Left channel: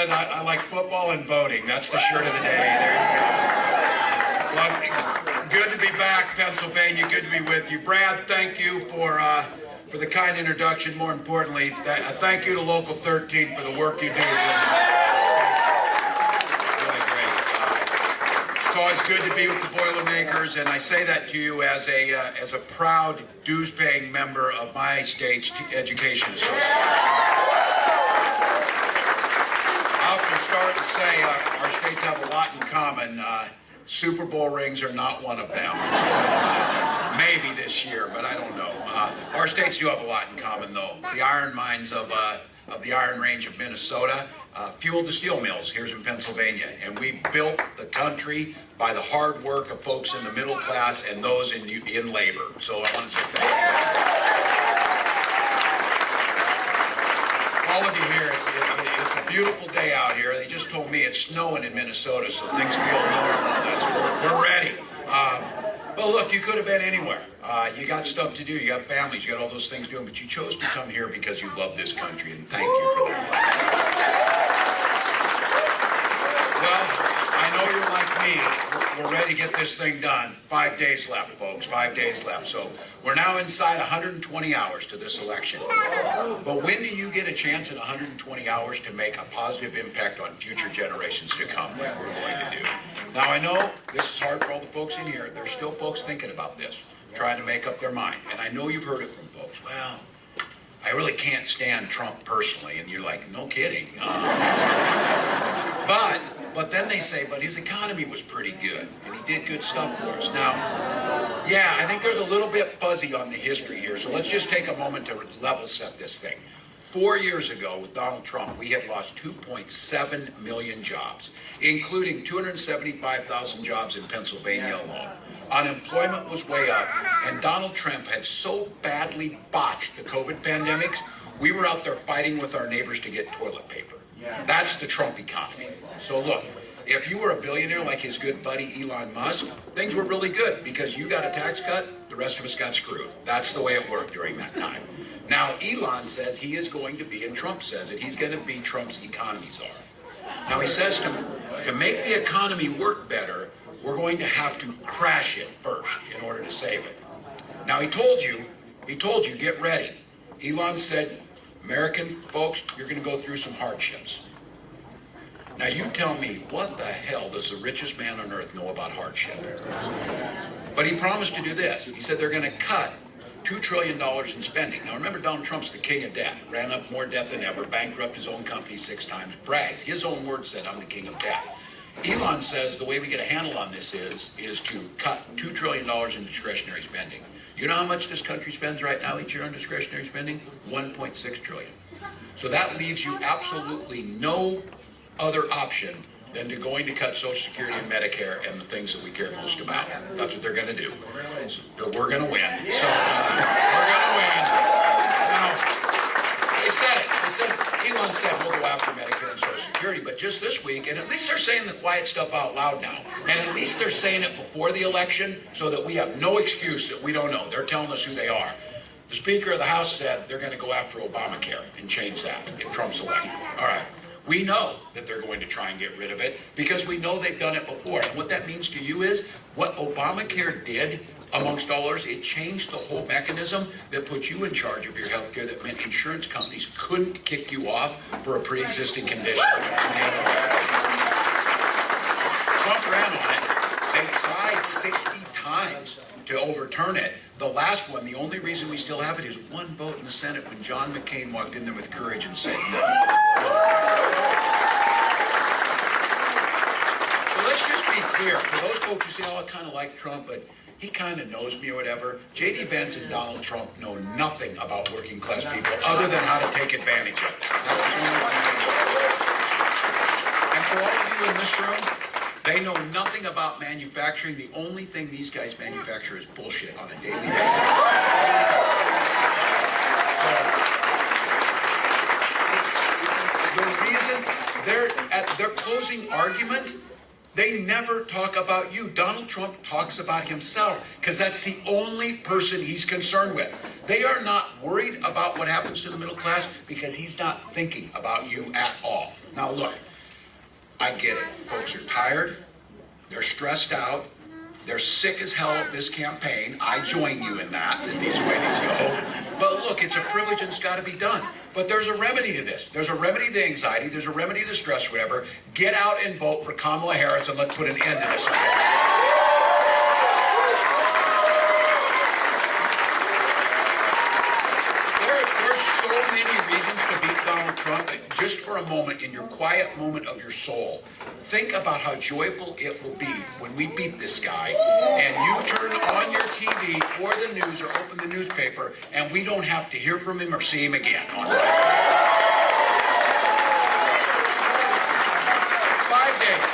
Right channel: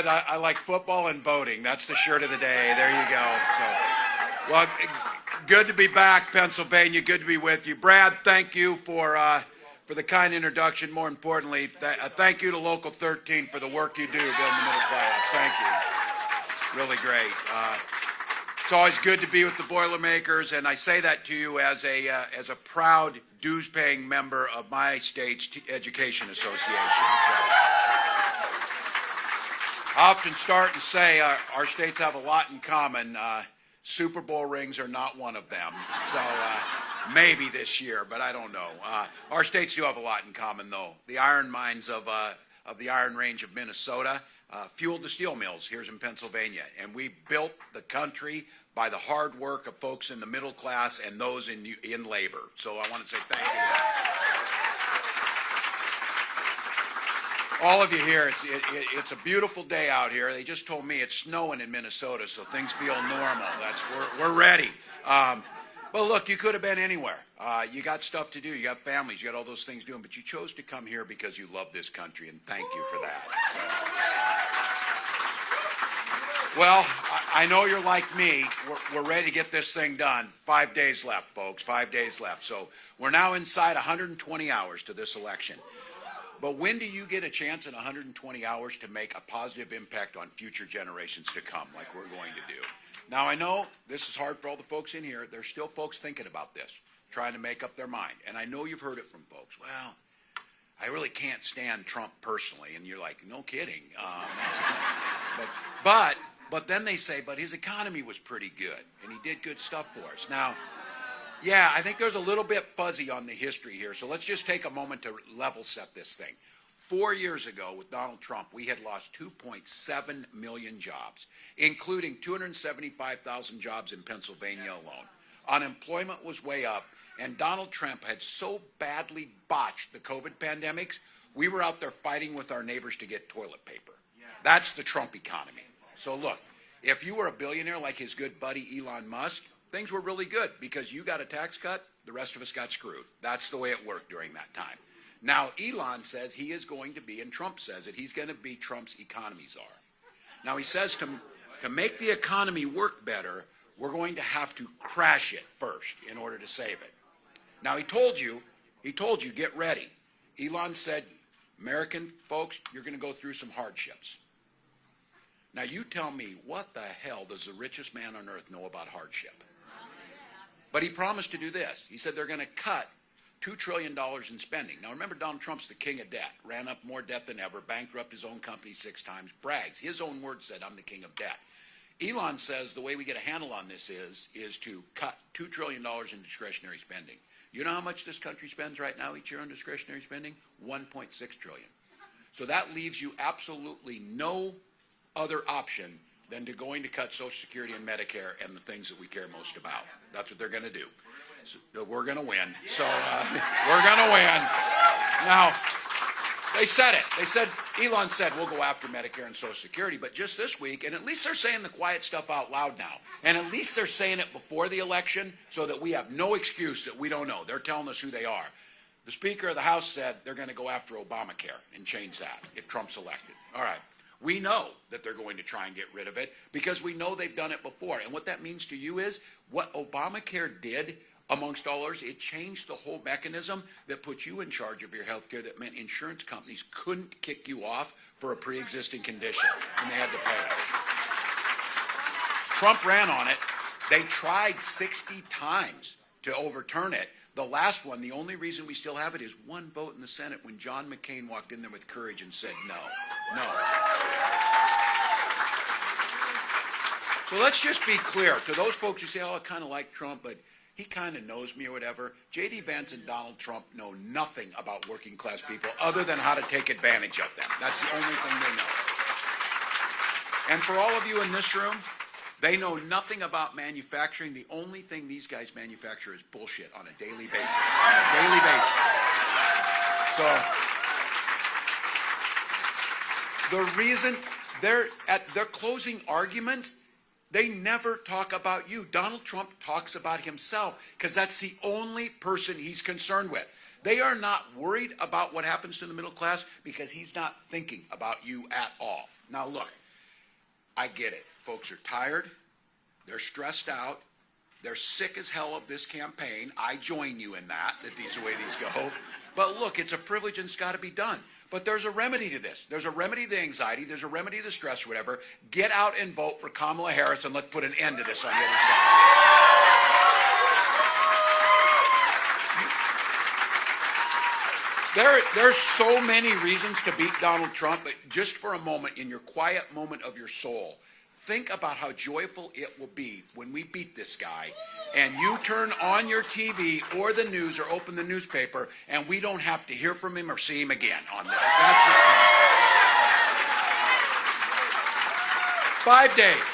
said, I like football and voting. That's the shirt of the day. There you go. Well, good to be back, Pennsylvania. Good to be with you. Brad, thank you for the kind introduction. More importantly, thank you to Local 13 for the work you do. Really great. It's always good to be with the Boilermakers, and I say that to you as a proud dues-paying member of my state's education association. I often start to say our states have a lot in common. Super Bowl rings are not one of them. So, maybe this year, but I don't know. Our states do have a lot in common, though. The iron mines of the Iron Range of Minnesota fueled the steel mills here in Pennsylvania, and we built the country by the hard work of folks in the middle class and those in labor. So I want to say thank you. All of you here, it's a beautiful day out here. They just told me it's snowing in Minnesota, so things feel normal. We're ready. Well, look, you could have been anywhere. You got stuff to do. You got families. You got all those things doing, but you chose to come here because you love this country, and thank you for that. Well, I know you're like me. We're ready to get this thing done. 5 days left, folks. 5 days left. So we're now inside 120 hours to this election. But when do you get a chance in 120 hours to make a positive impact on future generations to come, like we're going to do? Now, I know this is hard for all the folks in here. There's still folks thinking about this, trying to make up their mind. And I know you've heard it from folks. Well, I really can't stand Trump personally. And you're like, no kidding. But then they say, but his economy was pretty good, and he did good stuff for us. Now, yeah, I think there's a little bit fuzzy on the history here, so let's just take a moment to level set this thing. 4 years ago, with Donald Trump, we had lost 2.7 million jobs, including 275,000 jobs in Pennsylvania alone. Unemployment was way up, and Donald Trump had so badly botched the COVID pandemics, we were out there fighting with our neighbors to get toilet paper. That's the Trump economy. So look, if you were a billionaire like his good buddy Elon Musk, things were really good because you got a tax cut, the rest of us got screwed. That's the way it worked during that time. Now, Elon says he is going to be, and Trump says it, he's going to be Trump's economy czar. Now, he says to make the economy work better, we're going to have to crash it first in order to save it. Now, he told you, get ready. Elon said, American folks, you're going to go through some hardships. Now you tell me, what the hell does the richest man on earth know about hardship? But he promised to do this. He said they're going to cut $2 trillion in spending. Now remember, Donald Trump's the king of debt. Ran up more debt than ever, bankrupted his own company 6 times, brags. His own words said, I'm the king of debt. Elon says the way we get a handle on this is to cut $2 trillion in discretionary spending. You know how much this country spends right now each year on discretionary spending? $1.6 trillion. So that leaves you absolutely no other option than to going to cut Social Security and Medicare and the things that we care most about. That's what they're going to do. So we're going to win. So we're going to win. Now, they said it. Elon said we'll go after Medicare and Social Security, but just this week, and at least they're saying the quiet stuff out loud now, and at least they're saying it before the election so that we have no excuse that we don't know. They're telling us who they are. The Speaker of the House said they're going to go after Obamacare and change that if Trump's elected. All right. We know that they're going to try and get rid of it because we know they've done it before. And what that means to you is what Obamacare did, amongst all others, it changed the whole mechanism that put you in charge of your health care. That meant insurance companies couldn't kick you off for a pre-existing condition. Trump ran on it. They tried 60 times to overturn it. The last one, the only reason we still have it is one vote in the Senate when John McCain walked in there with courage and said no. So let's just be clear. For those folks who say, oh, I kind of like Trump, but he kind of knows me or whatever, J.D. Vance and Donald Trump know nothing about working class people other than how to take advantage of them. That's the only thing they know. And for all of you in this room, they know nothing about manufacturing. The only thing these guys manufacture is bullshit on a daily basis. The reason they're at their closing arguments, they never talk about you. Donald Trump talks about himself because that's the only person he's concerned with. They are not worried about what happens to the middle class because he's not thinking about you at all. Now look, get it. Folks are tired, they're stressed out, they're sick as hell of this campaign. I join you in that these ways go. But look, it's a privilege and it's got to be done. But there's a remedy to this. There's a remedy to anxiety. There's a remedy to stress, whatever. Get out and vote for Kamala Harris and let's put an end to this. There's so many reasons to beat Donald Trump, but just for a moment, in your quiet moment of your soul, think about how joyful it will be when we beat this guy and you turn on your TV or the news or open the newspaper and we don't have to hear from him or see him again on this. 5 days.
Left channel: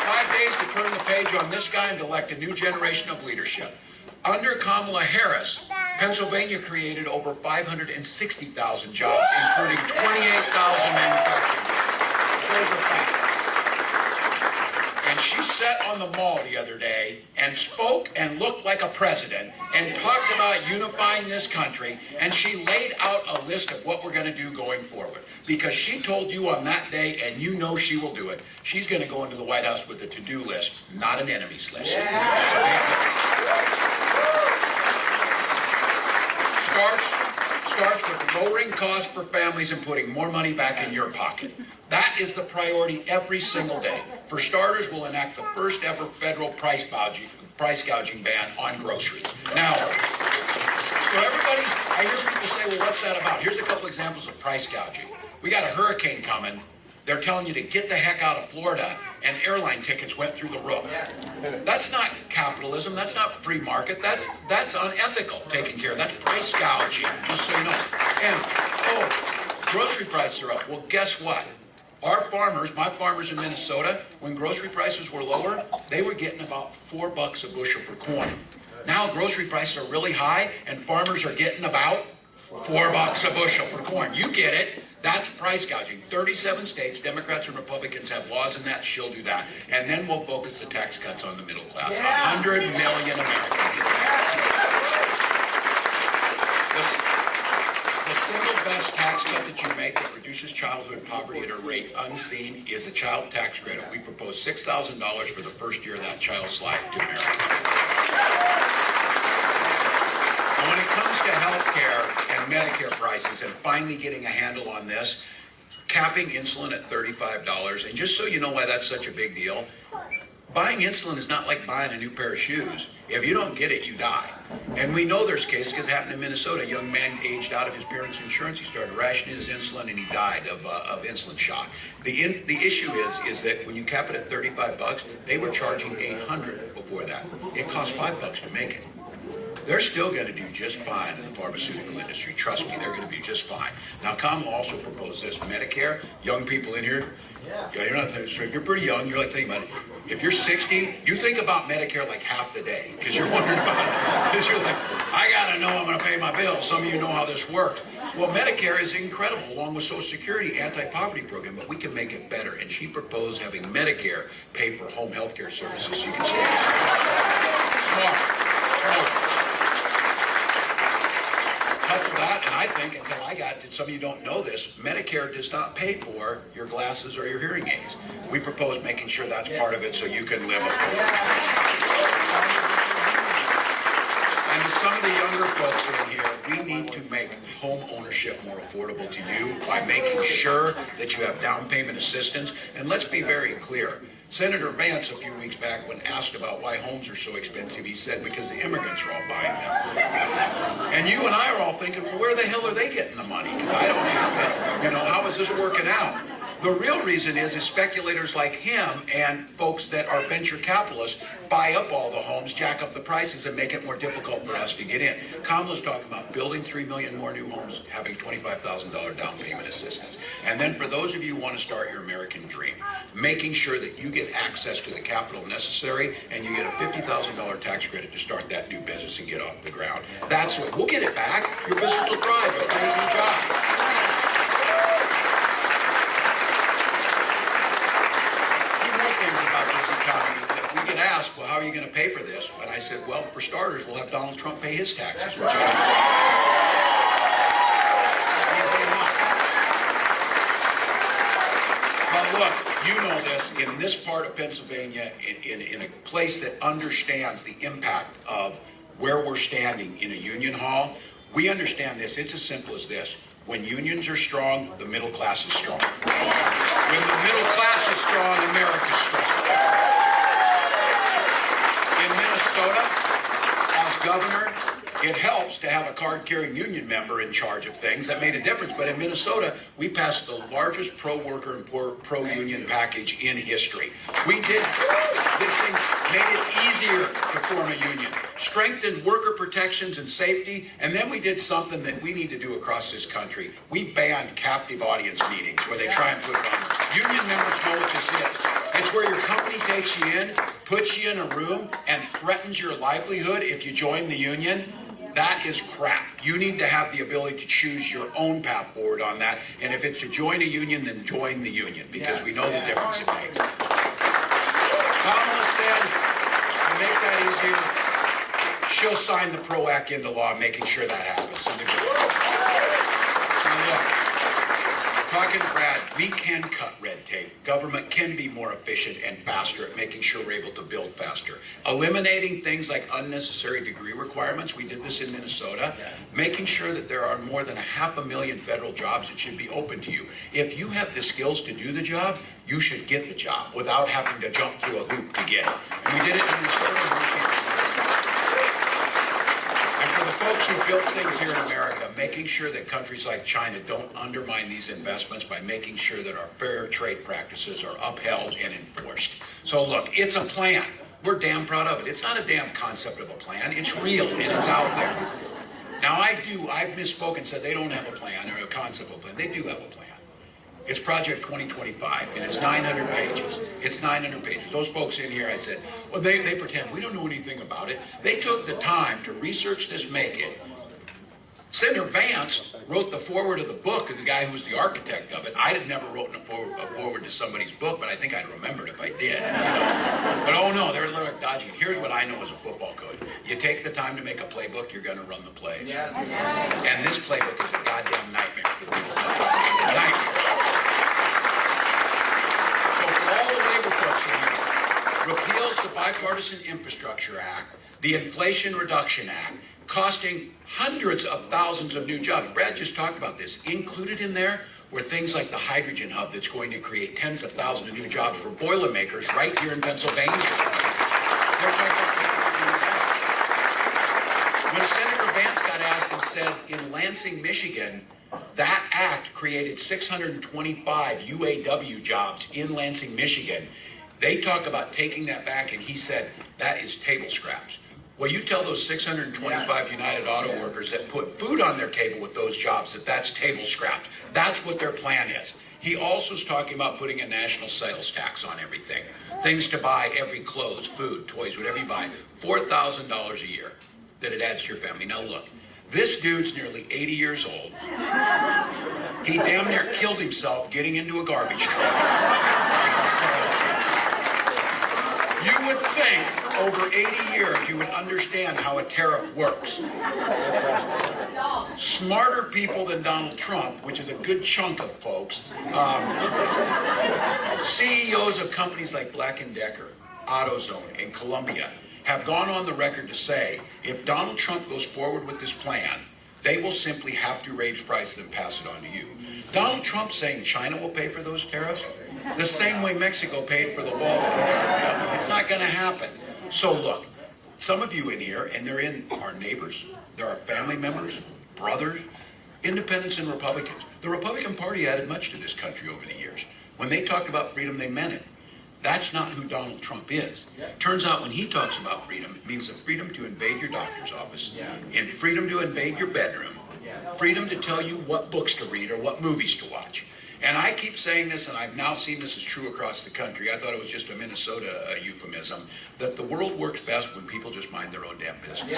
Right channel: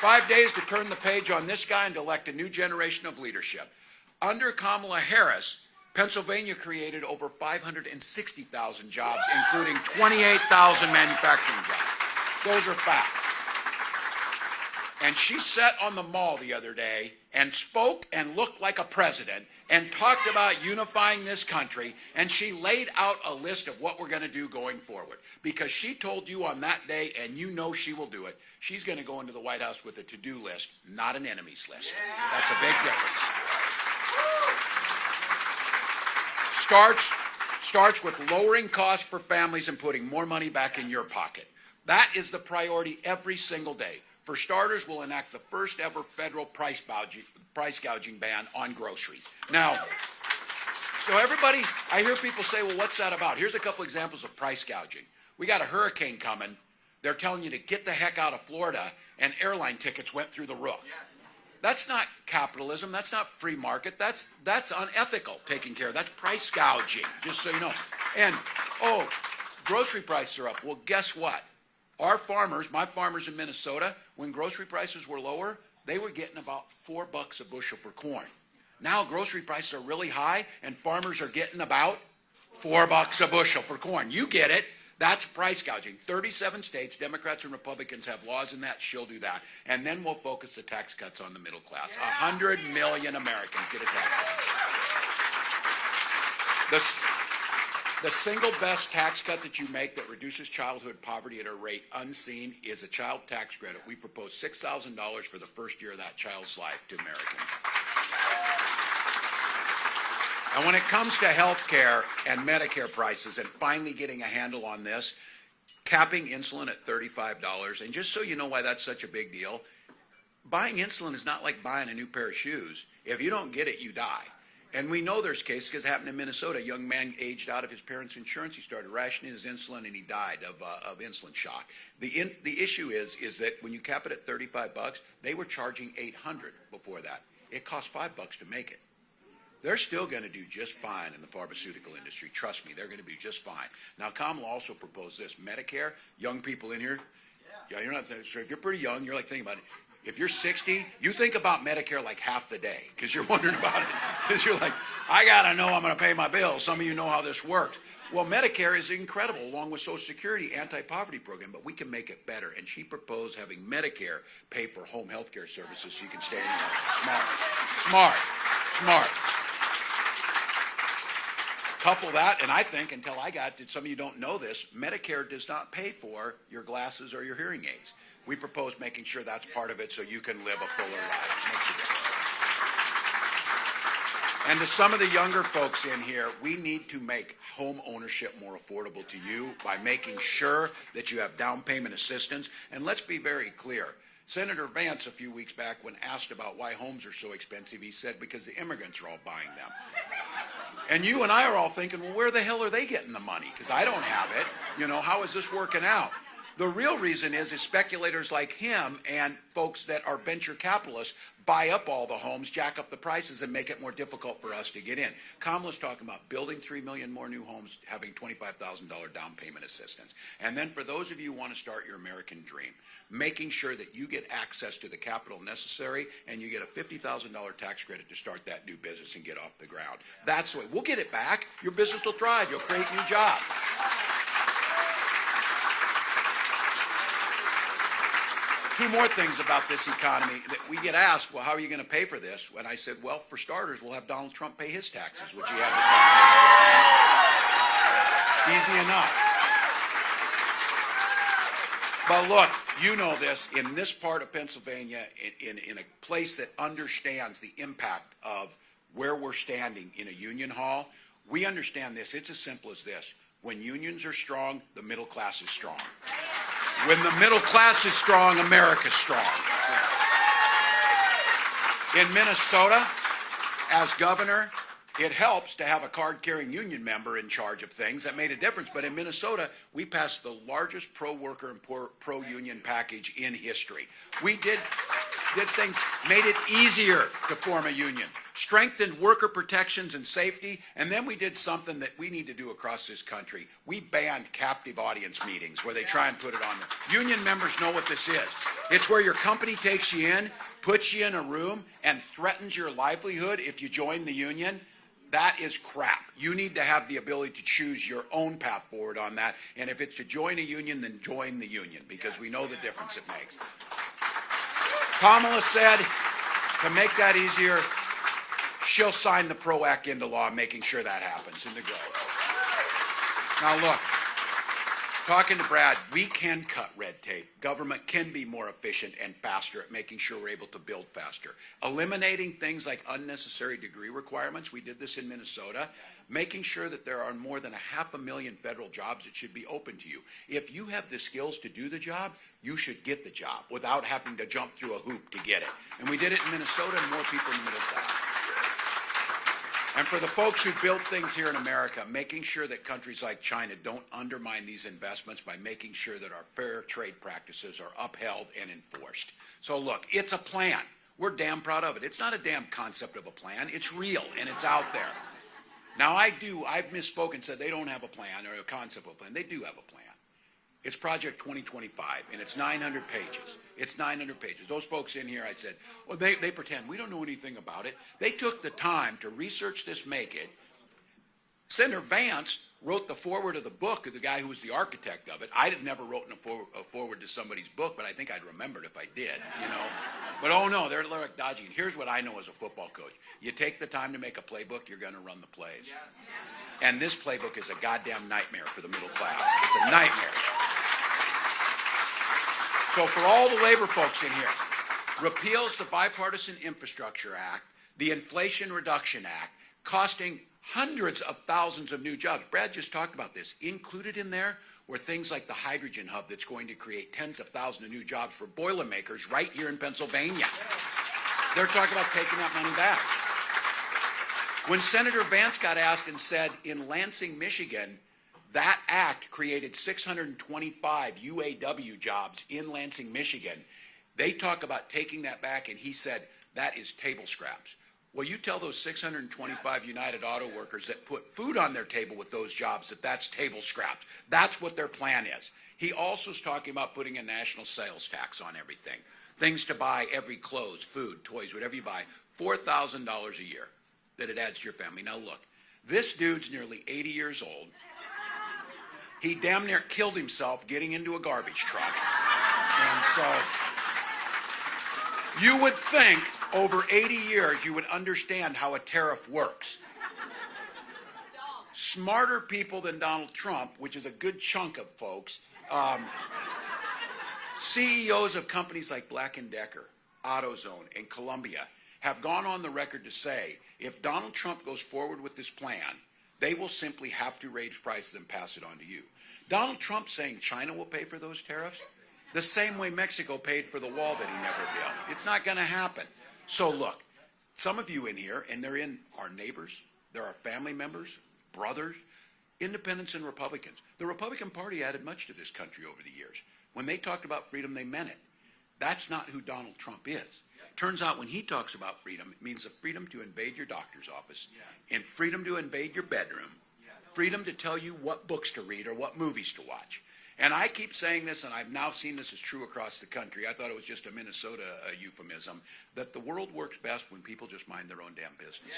5 days to turn the page on this guy and elect a new generation of leadership. Under Kamala Harris, Pennsylvania created over 560,000 jobs, including 28,000 manufacturing jobs. Those are facts. And she sat on the mall the other day and spoke and looked like a president and talked about unifying this country, and she laid out a list of what we're going to do going forward. Because she told you on that day, and you know she will do it, she's going to go into the White House with a to-do list, not an enemies list. Starts with lowering costs for families and putting more money back in your pocket. That is the priority every single day. For starters, we'll enact the first ever federal price gouging ban on groceries. Now, so everybody, I hear people say, well, what's that about? Here's a couple examples of price gouging. We got a hurricane coming. They're telling you to get the heck out of Florida, and airline tickets went through the roof. That's not capitalism. That's not free market. That's unethical taking care of. That's price gouging, just so you know. And, grocery prices are up. Well, guess what? Our farmers, my farmers in Minnesota, when grocery prices were lower, they were getting about $4 a bushel for corn. Now grocery prices are really high, and farmers are getting about $4 a bushel for corn. You get it. That's price gouging. 37 states, Democrats and Republicans have laws in that. She'll do that. And then we'll focus the tax cuts on the middle class. 100 million Americans. The single best tax cut that you make that reduces childhood poverty at a rate unseen is a child tax credit. We propose $6,000 for the first year of that child's life to America. When it comes to health care and Medicare prices and finally getting a handle on this, capping insulin at $35, and just so you know why that's such a big deal, buying insulin is not like buying a new pair of shoes. If you don't get it, you die. And we know there's cases. It happened in Minnesota. A young man aged out of his parents' insurance. He started rationing his insulin, and he died of insulin shock. The issue is that when you cap it at $35, they were charging $800 before that. It cost $5 to make it. They're still going to do just fine in the pharmaceutical industry. Trust me, they're going to be just fine. Now, Kamala also proposed this. Medicare, young people in here, you're not, so if you're pretty young, you're like thinking about it. If you're 60, you think about Medicare like half the day because you're wondering about it. Because you're like, I got to know I'm going to pay my bills. Some of you know how this works. Well, Medicare is incredible, along with Social Security anti-poverty program, but we can make it better. And she proposed having Medicare pay for home health care services so you can stay. Smart. Couple that, and I think, until I got it, some of you don't know this, Medicare does not pay for your glasses or your hearing aids. We propose making sure that's part of it so you can live. And to some of the younger folks in here, we need to make home ownership more affordable to you by making sure that you have down payment assistance. And let's be very clear. Senator Vance, a few weeks back, when asked about why homes are so expensive, he said, because the immigrants are all buying them. And you and I are all thinking, well, where the hell are they getting the money? Because I don't have it. You know, how is this working out? The real reason is speculators like him and folks that are venture capitalists buy up all the homes, jack up the prices, and make it more difficult for us to get in. Kamala's talking about building 3 million more new homes, having $25,000 down payment assistance. And then for those of you who want to start your American dream, making sure that you get access to the capital necessary and you get a $50,000 tax credit to start that new business and get off the ground. That's what, we'll get it back. Your business will thrive. It'll create a new job. More things about this economy that we get asked, well, how are you going to pay for this? And I said, well, for starters, we'll have Donald Trump pay his taxes. Easily enough. Well, look, you know this, in this part of Pennsylvania, in a place that understands the impact of where we're standing in a union hall, we understand this. It's as simple as this. When unions are strong, the middle class is strong. When the middle class is strong, America's strong. In Minnesota, as governor, it helps to have a card-carrying union member in charge of things. That made a difference. But in Minnesota, we passed the largest pro-worker and pro-union package in history. We did things, made it easier to form a union, strengthened worker protections and safety, and then we did something that we need to do across this country. We banned captive audience meetings where they try and put it on. Union members know what this is. It's where your company takes you in, puts you in a room, and threatens your livelihood if you join the union. That is crap. You need to have the ability to choose your own path forward on that. And if it's to join a union, then join the union, because we know the difference it makes. Kamala said, to make that easier, she'll sign the PRO Act into law, making sure that happens. Now look, talking to Brad, we can cut red tape. Government can be more efficient and faster at making sure we're able to build faster. Eliminating things like unnecessary degree requirements, we did this in Minnesota. Making sure that there are more than 500,000 federal jobs that should be open to you. If you have the skills to do the job, you should get the job without having to jump through a loop to get it. And we did it in Minnesota. And for the folks who built things here in America, making sure that countries like China don't undermine these investments by making sure that our fair trade practices are upheld and enforced. So look, it's a plan. We're damn proud of it. It's not a damn concept of a plan. It's real and it's out there. Now I've misspoken and said they don't have a plan or a concept of a plan. They do have a plan. It's Project 2025, and it's 900 pages. It's 900 pages. Those folks in here, I said, well, they pretend. We don't know anything about it. They took the time to research this, make it. Senator Vance wrote the foreword of the book, the guy who's the architect of it. I had never written a foreword to somebody's book, but I think I'd remember it if I did. But oh no, they're a little dodgy. Here's what I know as a football coach. You take the time to make a playbook, you're going to run the plays. Yes. And this playbook is a goddamn nightmare for the middle class. Nightmare. So for all the labor folks in here, repeals the Bipartisan Infrastructure Act, the Inflation Reduction Act, costing hundreds of thousands of new jobs. Brad just talked about this. Included in there were things like the hydrogen hub that's going to create tens of thousands of new jobs for Boilermakers right here in Pennsylvania. They're talking about taking that. When Senator Vance got asked and said in Lansing, Michigan, that act created 625 UAW jobs in Lansing, Michigan. They talk about taking that back, and he said that is table scraps. Well, you tell those 625 United Auto workers that put food on their table with those jobs that that's table scraps. That's what their plan is. He also is talking about putting a national sales tax on everything. Things to buy, every clothes, food, toys, whatever you buy, $4,000 a year that it adds to your family. Now look, this dude's nearly 80 years old. He damn near killed himself getting into a garbage truck. You would think over 80 years you would understand how a tariff works. Smarter people than Donald Trump, which is a good chunk of folks, CEOs of companies like Black & Decker, AutoZone, and Columbia have gone on the record to say if Donald Trump goes forward with this plan, they will simply have to raise prices and pass it on to you. Donald Trump saying China will pay for those tariffs the same way Mexico paid for the wall. It's not going to happen. So look, some of you in here, and they're in our neighbors, they're our family members, brothers, independents and Republicans. The Republican Party added much to this country over the years. When they talked about freedom, they meant it. That's not who Donald Trump is. Turns out when he talks about freedom, it means the freedom to invade your doctor's office, and freedom to invade your bedroom, freedom to tell you what books to read or what movies to watch. And I keep saying this, and I've now seen this is true across the country. I thought it was just a Minnesota euphemism, that the world works best when people just mind their own damn business.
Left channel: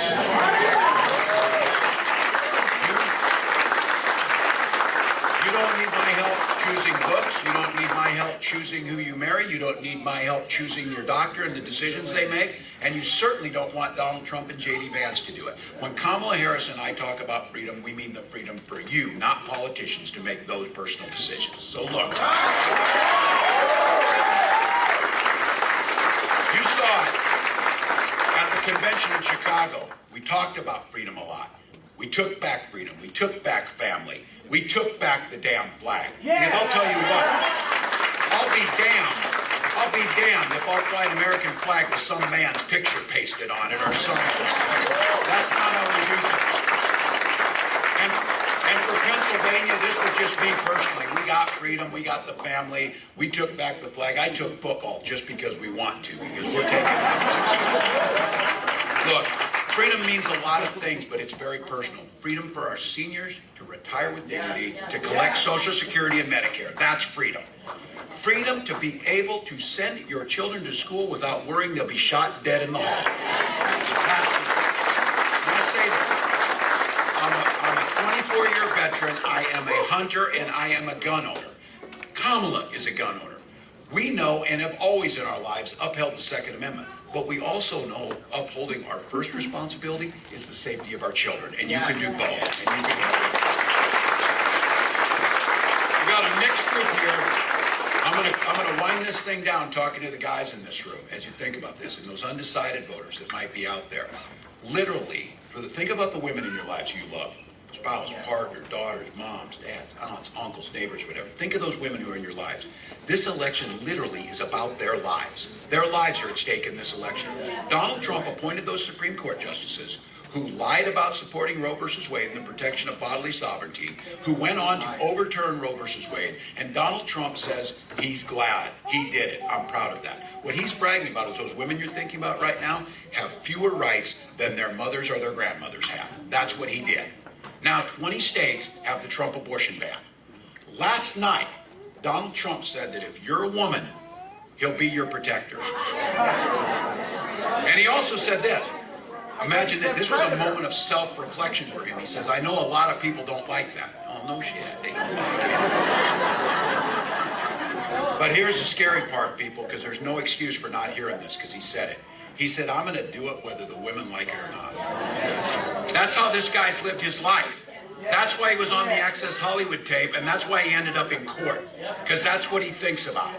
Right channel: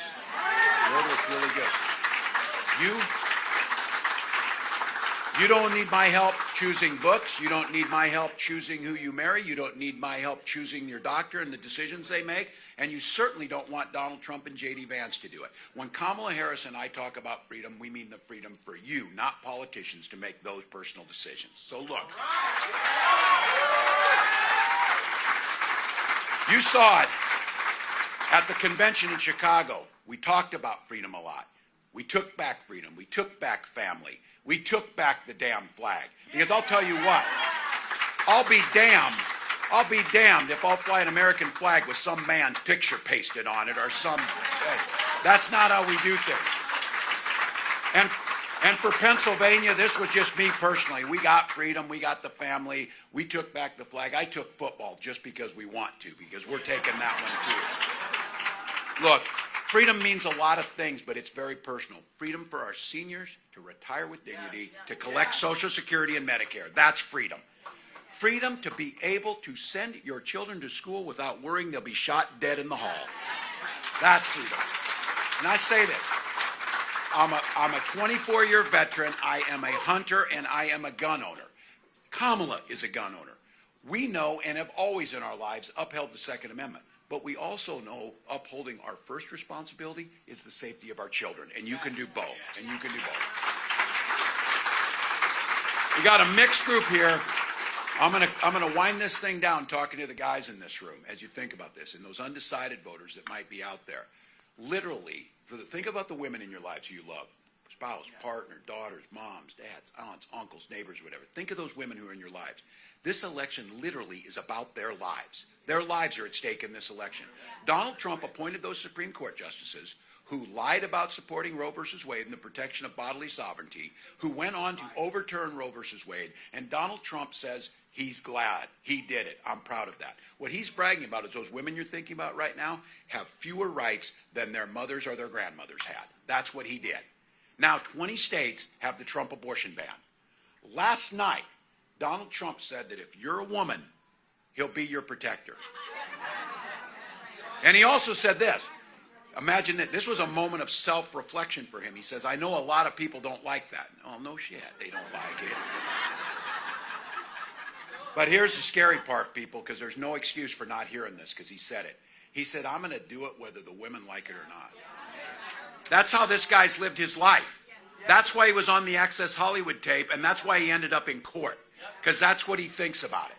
You don't need my help choosing books. You don't need my help choosing who you marry. You don't need my help choosing your doctor and the decisions they make. And you certainly don't want Donald Trump and J.D. Vance to do it. When Kamala Harris and I talk about freedom, we mean the freedom for you, not politicians, to make those personal decisions. So look. saw it at the convention in Chicago. We talked about freedom a lot. We took back freedom. We took back family. We took back the damn flag. Because I'll tell you what, I'll be damned if I'll fly an American flag with some man's picture pasted on it or something. That's not how we do things. And for Pennsylvania, this was just me personally. We got freedom, we got the family, we took back the flag. I took football just because we want to, because we're taking that. Look, freedom means a lot of things, but it's very personal. Freedom for our seniors to retire with dignity, to collect Social Security and Medicare. That's freedom. Freedom to be able to send your children to school without worrying they'll be shot dead in the hall. That's it. And I say this. I'm a 24-year veteran. I am a hunter, and I am a gun owner. Kamala is a gun owner. We know and have always in our lives upheld the Second Amendment. But we also know upholding our first responsibility is the safety of our children. And you can do both. And you can do both. We got a mixed group here. I'm gonna wind this thing down talking to the guys in this room as you think about this and those undecided voters that might be out there. Literally, think about the women in your lives you love. Spouse, partner, daughters, moms, dads, aunts, uncles, neighbors, whatever. Think of those women who are in your lives. This election literally is about their lives. Their lives are at stake in this election. Donald Trump appointed those Supreme Court justices who lied about supporting Roe versus Wade and the protection of bodily sovereignty, who went on to overturn Roe versus Wade, and Donald Trump says he's glad he did it. I'm proud of that. What he's bragging about is those women you're thinking about right now have fewer rights than their mothers or their grandmothers have. That's what he did. Now, 20 states have the Trump abortion ban. Last night, Donald Trump said that if you're a woman, he'll be your protector. And he also said this. Imagine that this was a moment of self-reflection for him. He says, I know a lot of people don't like that. Oh, no shit, they don't like it. But here's the scary part, people, because there's no excuse for not hearing this, because he said it. He said, I'm going to do it whether the women like it or not. That's how this guy's lived his life. That's why he was on the Access Hollywood tape, and that's why he ended up in court, because that's what he thinks about.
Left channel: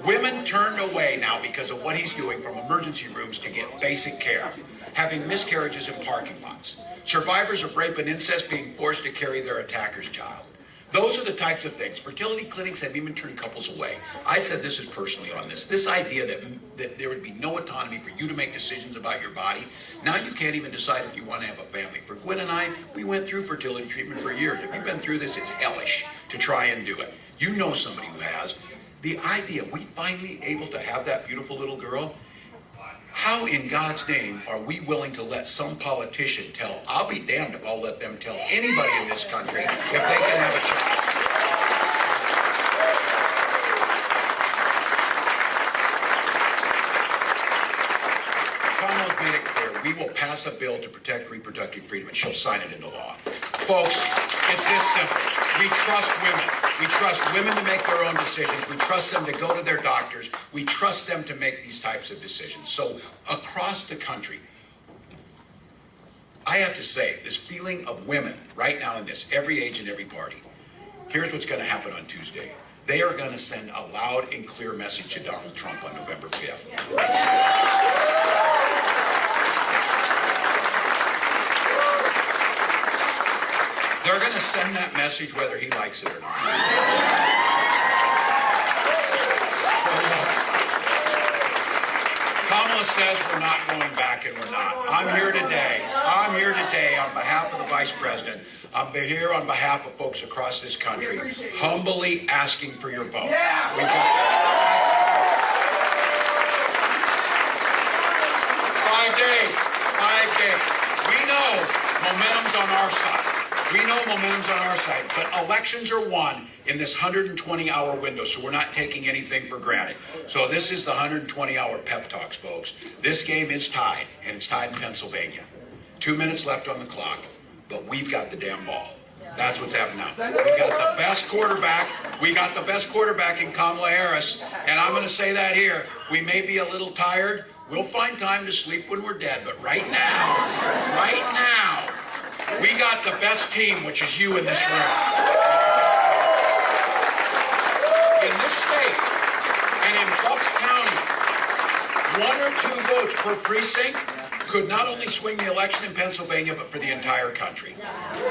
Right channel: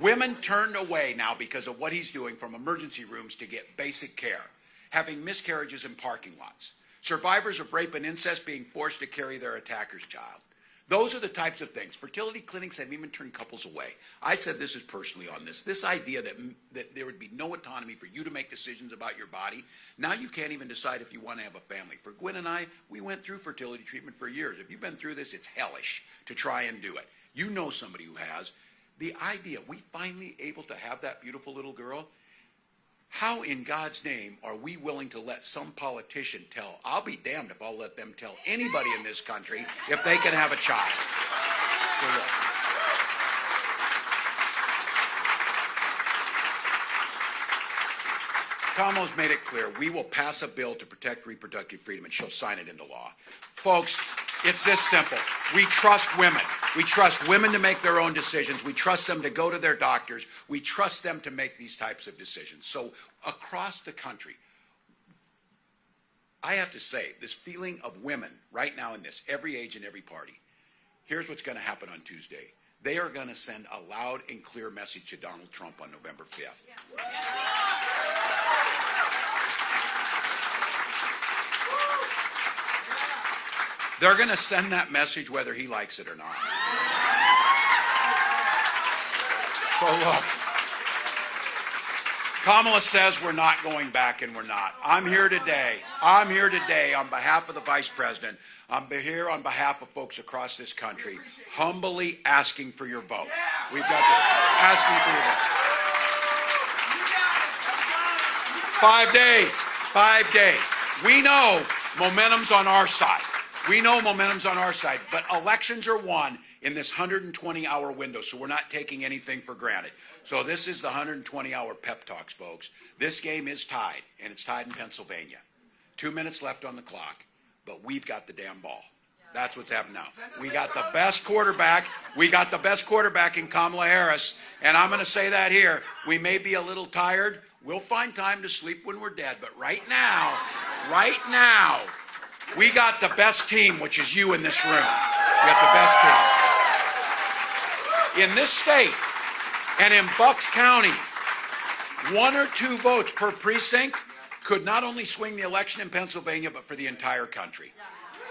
Women turned away now because of what he's doing from emergency rooms to get basic care, having miscarriages in parking lots, survivors of rape and incest being forced to carry their attacker's child. Those are the types of things. Fertility clinics have even turned couples away. I said this is personally on this. This idea that there would be no autonomy for you to make decisions about your body. Now you can't even decide if you want to have a family. For Gwen and I, we went through fertility treatment for years. If you've been through this, it's hellish to try and do it. You know somebody who has. The idea we finally able to have that beautiful little girl, how in God's name are we willing to let some politician tell, I'll be damned if I'll let them tell anybody in this country if they can have a child. Kamala's made it clear, we will pass a bill to protect reproductive freedom and she'll sign it into law. Folks, it's this simple. We trust women. We trust women to make their own decisions. We trust them to go to their doctors. We trust them to make these types of decisions. So across the country, I have to say, this feeling of women right now in this, every age and every party, here's what's going to happen on Tuesday. They are going to send a loud and clear message to Donald Trump on November 5th. They're going to send that message whether he likes it or not. Kamala says we're not going back, and we're not. I'm here today on behalf of the Vice President. I'm here on behalf of folks across this country, humbly asking for your vote. We've got asking for your vote. 5 days. We know momentum's on our side. But elections are won in this 120-hour window, so we're not taking anything for granted. So this is the 120-hour pep talks, folks. This game is tied, and it's tied in Pennsylvania. 2 minutes left on the clock, but we've got the damn ball. That's what's happening now. We got the best quarterback. We got the best quarterback in Kamala Harris, and I'm going to say that here. We may be a little tired. We'll find time to sleep when we're dead, but right now, we got the best team, which is you in this room. We got the best team. In this state and in Bucks County, 1 or 2 votes per precinct could not only swing the election in Pennsylvania, but for the entire country.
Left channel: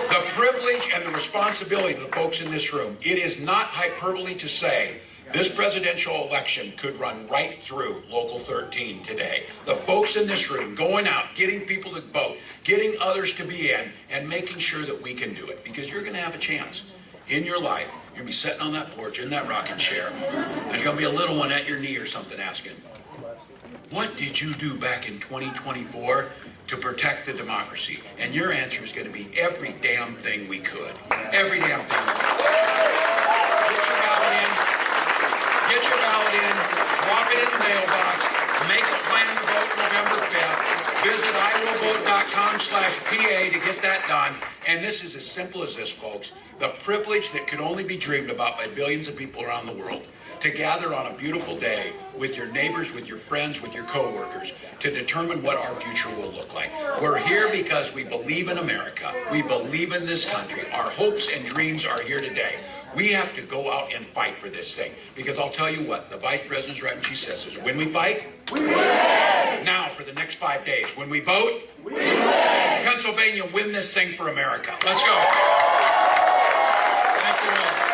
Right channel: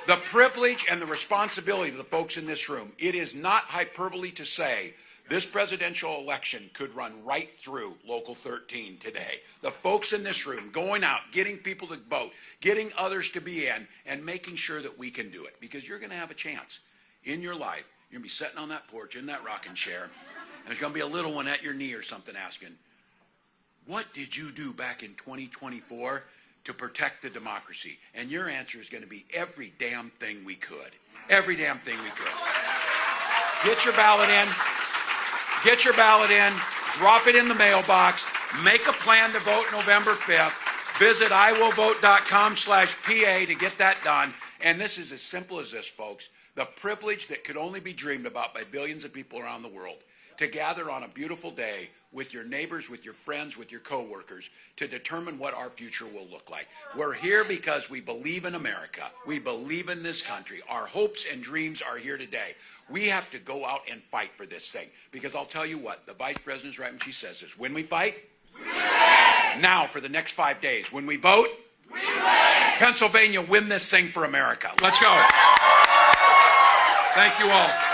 The privilege and the responsibility of the folks in this room, it is not hyperbole to say this presidential election could run right through Local 13 today. The folks in this room going out, getting people to vote, getting others to be in, and making sure that we can do it. Because you're going to have a chance in your life. You're going to be sitting on that porch in that rocking chair. There's going to be a little one at your knee or something asking, what did you do back in 2024 to protect the democracy? And your answer is going to be every damn thing we could. Every damn thing we could. Get your ballot in. Get your ballot in. Drop it in the mailbox. Make a plan to vote November 5th. Visit iwillvote.com/PA to get that done. And this is as simple as this, folks. The privilege that can only be dreamed about by billions of people around the world to gather on a beautiful day with your neighbors, with your friends, with your coworkers, to determine what our future will look like. We're here because we believe in America. We believe in this country. Our hopes and dreams are here today. We have to go out and fight for this thing. Because I'll tell you what, the Vice President's right when she says is, when we fight, we win. Now for the next 5 days, when we vote, we win. Pennsylvania, win this thing for America. Let's go. Thank you all.